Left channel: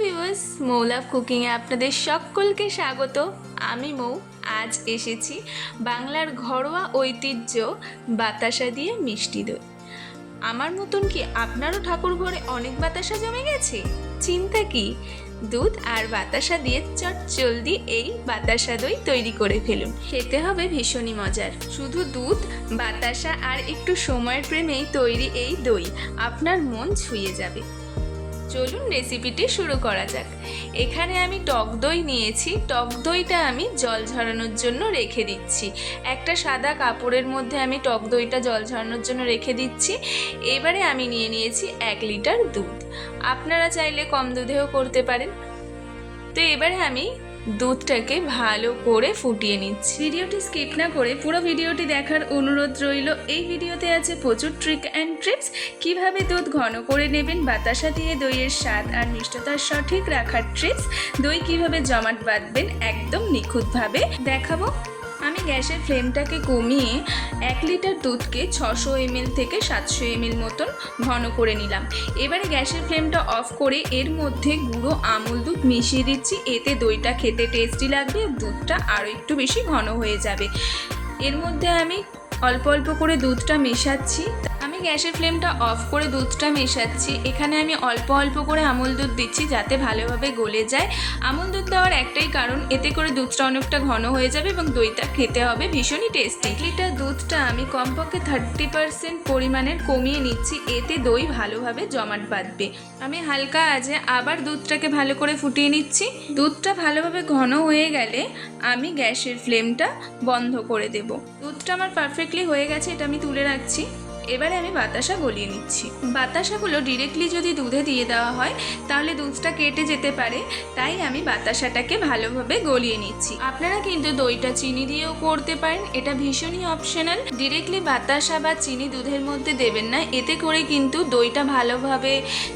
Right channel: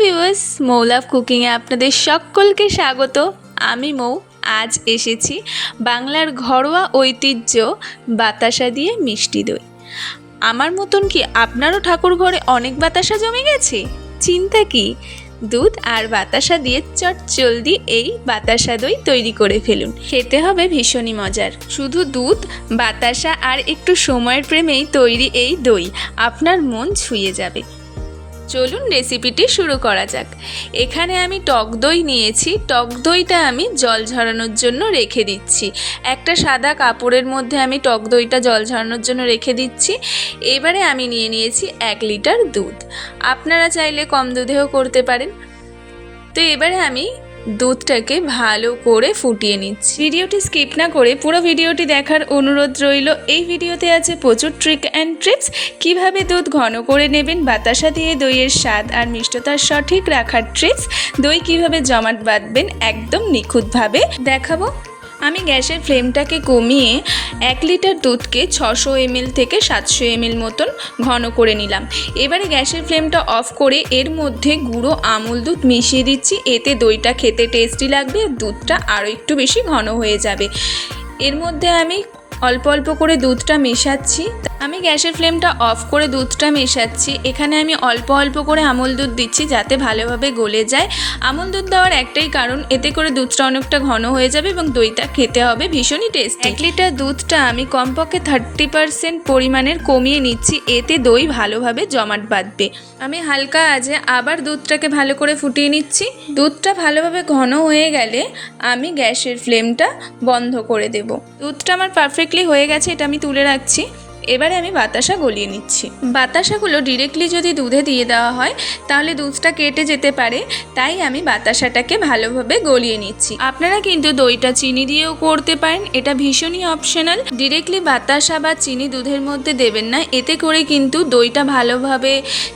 Viewers, মৌ লাভ কুকিংয়ে আপনাদের সকলকে স্বাগত। আমি মৌ। আজ এসেছি বাংলার ঘরোয়া ঐতিহ্য বাতাসা দিয়ে মিষ্টি দই। আমার মতন কি আপনারও ঠাকুর ঘরে অনেক বাতাসা জমে গেছে? চিন্তা কি, দুধ আর বাতাসা দিয়ে চটজলদি এই বাতাসা দই তৈরি করে ফেলুন। খেতে হবে ভীষণই মজার। শুধু দুধ, বাতাসা আর একটু সময়ের প্রেমেই তৈরি এই দই আপনার মন ছুঁয়ে যাবে। চলুন রেসিপিটি শুরু করা যাক। এখানে আমি টক দই নিয়েছি। টক দইটা আমি জল ঝরানোর জন্য রেখে দিচ্ছি। একটা সাদা কাপড়ের মধ্যে আমি টক দইটা জল ঝরানোর জন্য রেখে দিচ্ছি। এবারে আমি নিয়েছি 1 লিটার দুধ। আপনারা চাইলে কম দুধেও করতে পারেন। তো এবারে আমি দুধটাকে ভালো করে ফুটিয়ে নিচ্ছি। ভিডিওটি স্কিপ না করে পুরো ভিডিওটি দেখার অনুরোধ রইল। এই ভিডিওতে আছে প্রচুর ট্রিক অ্যান্ড ট্রিপস, কিভাবে দুধ ঘন করে নেবেন, বাতাসা দিয়ে দইয়ের স্বাদ আর মিষ্টতার সঠিক রাখার ট্রিক্স, দই কিভাবে জমাট বাঁধবেন একদম নিখুঁতভাবে দেখাবো। আমি গ্যাসের ফ্লেমটাকে কমিয়ে 1 লিটার দুধকে 600 ml থেকে 700 ml মতন ঘন করে নিলাম। এবারে গ্যাসের ফ্লেমটা অফ করে এর মধ্যে গুঁড়ো আমুল দুধ মিশিয়ে দিচ্ছি। এতে দইটা খেতে টেস্টি লাগবে, দুধটা আরও একটু বেশি ঘন হয়ে যাবে। এর মধ্যে আমি অল্প অল্প করে দুধটা মেশাচ্ছি। আমি গ্যাসের ফ্লেমটা অফ করে দুধটা মেশাচ্ছি। এখানে আমি অল্প অল্প করে আমুল দুধ দিচ্ছি যাতে ভালোভাবে গলে যায়। আমুল দুধ দেওয়ার একটাই কারণ, এতে করে দুধটা অনেকটা ঘন হয়ে যাবে এবং দইটা খেতে হবে ভীষণই টেস্টি। 1 লিটার দুধটা আমি কমপক্ষে 30% পরিমাণের কমিয়ে নিচ্ছি, এতে দই ভালোভাবে জমাট বাঁধবে। আমি হালকা আঁচে আবার দুধটাকে ভালো করে ফুটিয়ে নিচ্ছি। দুধটা ভালোভাবে ঘন হয়ে গেলে আমি গ্যাসের ফ্লেমটা বন্ধ করে দেব। দুধটা আমার পারফেক্টলি হয়ে গেছে, এটা আমি তুলে রাখছি। এবারে আমি বাতাসা গলিয়ে নিচ্ছি। বাতাসাগুলো ডিরেক্টলি যদি দুধে দিয়ে দেওয়া হয় তাহলে দুধটা কেটে যেতে পারে, তাই আমি বাতাসাটাকে ভালোভাবে গলিয়ে নিচ্ছি। আপনারা কিন্তু দইটা চিনি দিয়েও করতে পারেন, এটা ভীষণই অপশনাল। ডিরেক্টলি বাতাসা বা চিনি দুধের মধ্যে দেবেন না, এতে করে কিন্তু দইটা ভালোভাবে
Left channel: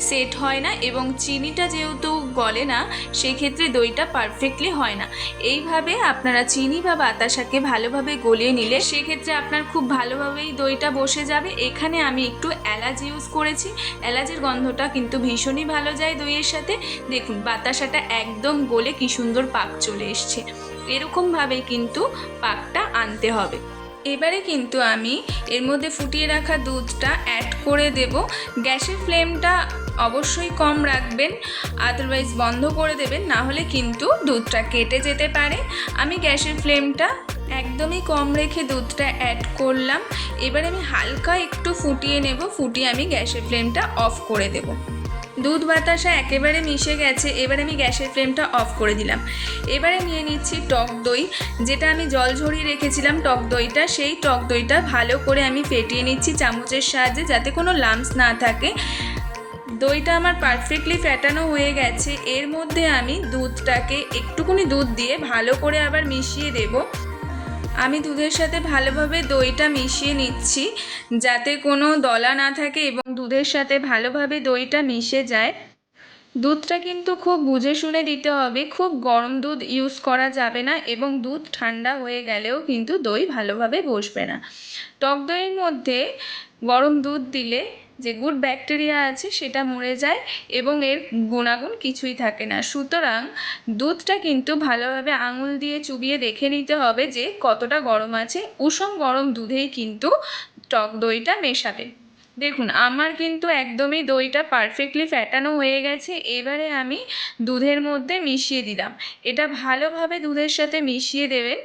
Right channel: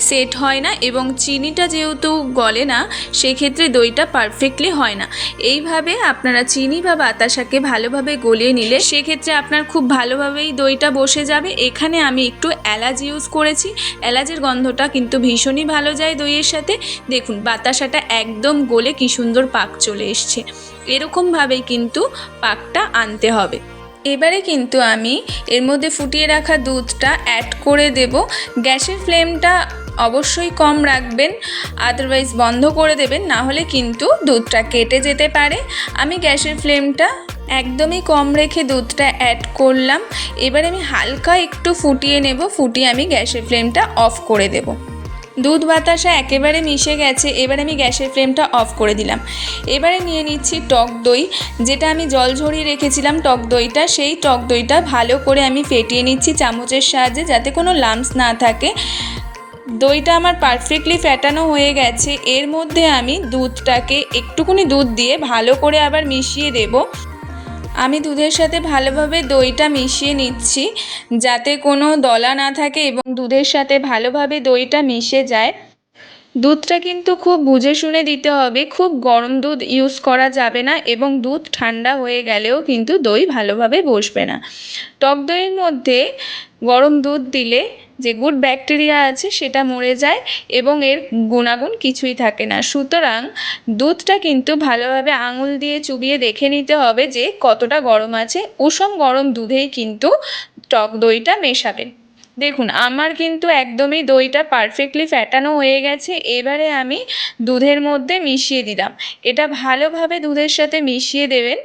সেট হয় না এবং চিনিটা যেহেতু গলে না সেক্ষেত্রে দইটা পারফেক্টলি হয় না। এইভাবে আপনারা চিনি বা বাতাসাকে ভালোভাবে গলিয়ে নিলে সেক্ষেত্রে আপনার খুব ভালোভাবেই দইটা বসে যাবে। এখানে আমি একটু এলাচ ইউজ করেছি, এলাচের গন্ধটা কিন্তু ভীষণই ভালো যায় দইয়ের সাথে। দেখুন বাতাসাটা একদম গলে কি সুন্দর পাক চলে এসছে। এরকমভাবেই কিন্তু পাকটা আনতে হবে। এবারে কিন্তু আমি এর মধ্যে ফুটিয়ে রাখা দুধটা অ্যাড করে দেব। গ্যাসের ফ্লেমটা অবশ্যই কম রাখবেন, আদারওয়াইজ বন্ধ করে দেবেন, না হলে কিন্তু দুধটা কেটে যেতে পারে। আমি গ্যাসের ফ্লেমটা একদমই কম রেখে দুধটা অ্যাড করলাম। এবার আমি হালকা একটু ফুটিয়ে নেব, ফুটিয়ে আমি গ্যাসের ফ্লেমটা অফ করে দেব। দুধ বাতাসা একেবারে মিশে গেছে, এবার আমি গ্যাসের ফ্লেমটা অফ করে দিলাম। এবারে নিয়ে নিচ্ছি টক দই, যেটা আমি জল ঝরিয়ে রেখেছিলাম টক দইটা, সেই টক দইটা ভালো করে আমি ফেটিয়ে নিচ্ছি চামচের সাহায্যে যাতে কোনো লাম্পস না থাকে। দইটা আমার পারফেক্টলি ফেটানো হয়ে গেছে। এর মধ্যে আমি দুধটাকে একটুকুনি দুধ দিয়ে ভালো করে আবার মিশিয়ে দেব। আমি দুধের সাথে ভালোভাবে দইটা মিশিয়ে নিচ্ছি যাতে কোনো দলা না থাকে এবং দুধের সাথে ভালোভাবে দইটা মিশে যায়। দুধটা কিন্তু খুব বুঝে শুনে দিতে হবে, খুব গরম দুধ ইউজ করা যাবে না এবং দুধ ঠান্ডা হয়ে গেলেও কিন্তু দই ভালোভাবে বসবে না। টক দইয়ের মধ্যে গরম দুধ দিলে যে গুড ব্যাকটেরিয়া আছে সেটা মরে যায় এবং এর গুণাগুণ কিছুই থাকে না। সুতরাং দুধটা কিন্তু ভালোভাবে আঙুল দিয়ে চুবিয়ে দেখে নিতে হবে যে কতটা গরম আছে। উষম গরম দুধেই কিন্তু টক দইটা মেশাবেন। দেখুন আমার কিন্তু একদমই দইটা পারফেক্টলি ফ্যাটানো হয়ে গেছে। এবারে আমি দুধের মধ্যে মিশিয়ে দিলাম। এটা ভালোভাবে দুধের সাথে মিশিয়ে দেবেন।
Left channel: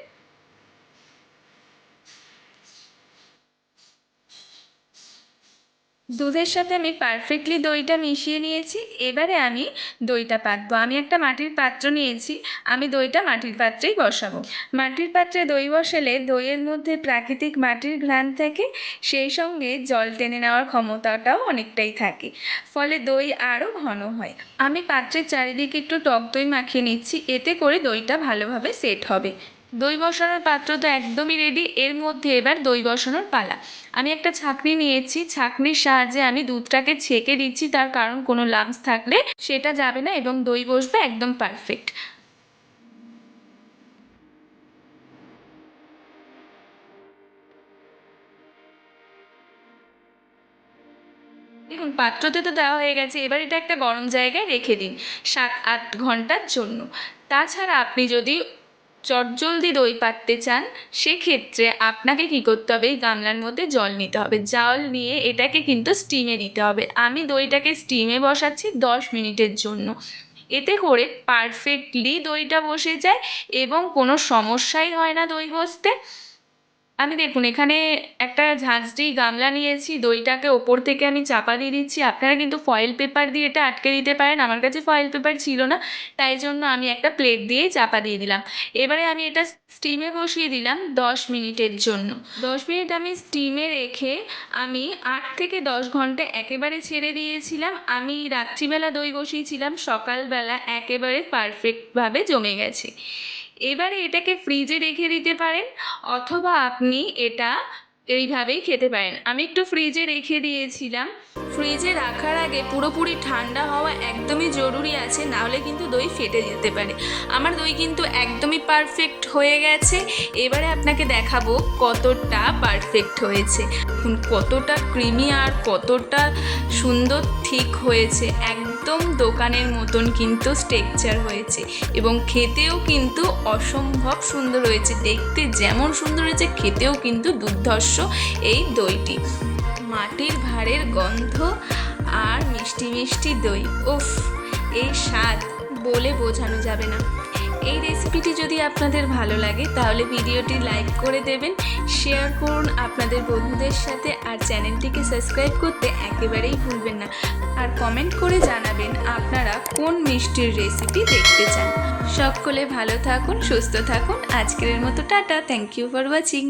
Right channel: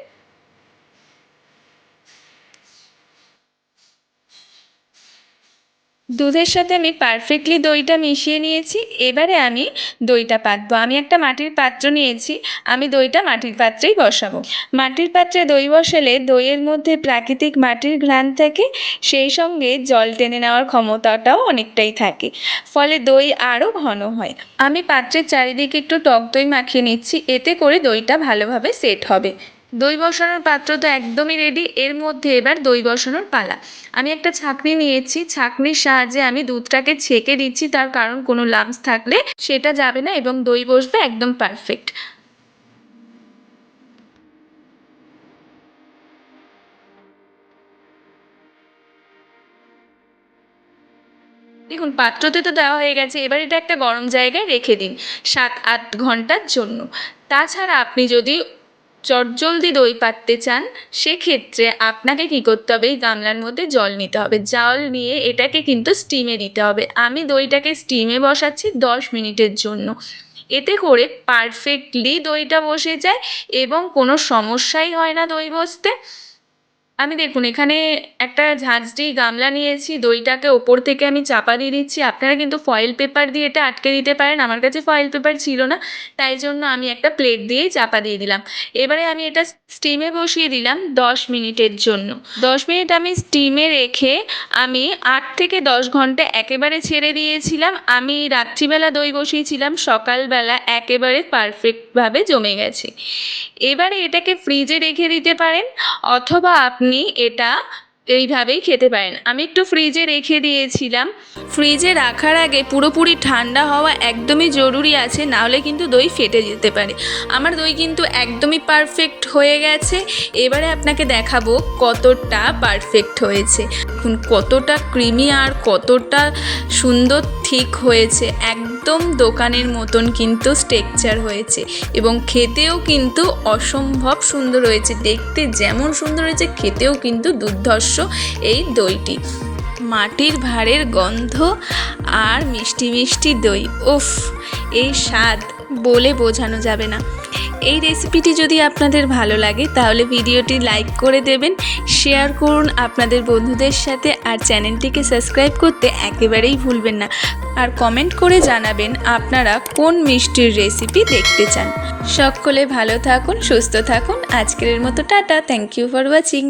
দুধের সাথে আমি পারফেক্টলি দইটা মিশিয়ে নিয়েছি। এবারে আমি দইটা পাতবো। আমি একটা মাটির পাত্র নিয়েছি, আমি দইটা মাটির পাত্রেই বসাবো। মাটির পাত্রে দই বসালে দইয়ের মধ্যে প্রাকৃতিক মাটির ঘ্রাণ থাকে, সেই সঙ্গে জল টেনে নেওয়ার ক্ষমতাটাও অনেকটাই থাকে, ফলে দই আরও ঘন হয়। আমি পাত্রের চারিদিকে একটু টক দই মাখিয়ে নিচ্ছি, এতে করে দইটা ভালোভাবে সেট হবে। দই বসানোর পাত্র তো একদমই রেডি। এর মধ্যে এবার দই বসানোর পালা। আমি একটা ছাঁকনি নিয়েছি, ছাঁকনির সাহায্যে আমি দুধটাকে ছেঁকে দিচ্ছি, তার কারণ কোনো লাম্পস থাকলে সেটা যাবে না এবং দই বসবে একদম পারফেক্ট। দেখুন পাত্রতে তো দেওয়া হয়ে গেছে, এবার এটা একটা গরম জায়গায় রেখে দিন 7-8 ঘন্টার জন্য। তাছাড়া আপনি যদি চটজলদি দই পাততে চান সেক্ষেত্রে আপনাকে কী করতে হবে, এই গামলার মধ্যে জল নিতে হবে, জল নিয়ে এটাকে কিন্তু স্টিমে দিতে হবে। আমি দইটাকে স্টিমে বসাচ্ছি 10 মিনিটের জন্য। এতে করে পারফেক্টলি দইটা বসে যায় এবং কোনো সমস্যাই হয় না দই বসতে। আমি দেখুন এখানে একটা ঝাঁঝরি গামলা নিয়েছি, দইটাকে ওপর থেকে আমি চাপা দিয়ে দিচ্ছি। আপনারা কিন্তু ফয়েল পেপার দিয়ে এটা আটকে দিতে পারেন, আমার কাছে ফয়েল পেপার ছিল না, তাই জন্য আমি একটা প্লেট দিয়েই চাপা দিয়ে দিলাম। এবারে আমি এটা স্টিমে বসিয়ে দিলাম 10 মিনিটের জন্য। 10 মিনিট আমি স্টিমে রেখে আমি 8 থেকে 10 ঘন্টা একেবারে ছেড়ে দিয়েছিলাম। আমি রাত্রিবেলা দই বসিয়েছিলাম, সকালবেলা একেবারে পারফেক্টভাবে জমে গেছে। এবারে এটাকে ফ্রিজে রেখে দিতে পারেন অথবা আপনি এটা এইভাবেই খেতে পারেন। আমি একটু ফ্রিজে রেখে দিয়েছিলাম। ফ্রিজে রাখার আগে পুরোপুরি ঠান্ডা হওয়া একদমই জরুরি আছে, নাহলে কিন্তু দই ফেটে যেতে পারে। আমার দই কিন্তু একদমই পারফেক্ট হয়ে গেছে। এবারে আপনাকে দেখাবো কতটা পারফেক্ট হয়েছে, কতটা ক্রিমি আর কতটা সুন্দর ঠিক হয়েছে। একদম দোকানের মতন কিন্তু টেক্সচার হয়েছে এবং খেতেও কিন্তু অসম্ভব সুন্দর হয়েছে। দেখতে যেমন সুন্দর হয়েছে খেতেও কিন্তু দুর্ধর্ষ এই দইটি। মাটির ভাঁড়ের গন্ধ আর মিষ্টি মিষ্টি দই, উফ, এই স্বাদ বলে বোঝানো যাবে না। এই রেসিপিটি যদি আপনাদের ভালো লাগে তাহলে ভিডিওটি লাইক করে দেবেন, শেয়ার করুন আপনাদের বন্ধুদের সাথে, আর চ্যানেলটিকে সাবস্ক্রাইব করতে একেবারেই ভুলবেন না। আর কমেন্ট করে জানাবেন আপনারা কোন মিষ্টির রেসিপি দেখতে চান। সকলে ভালো থাকুন, সুস্থ থাকুন। আজকের মতো tata, thank you for watching.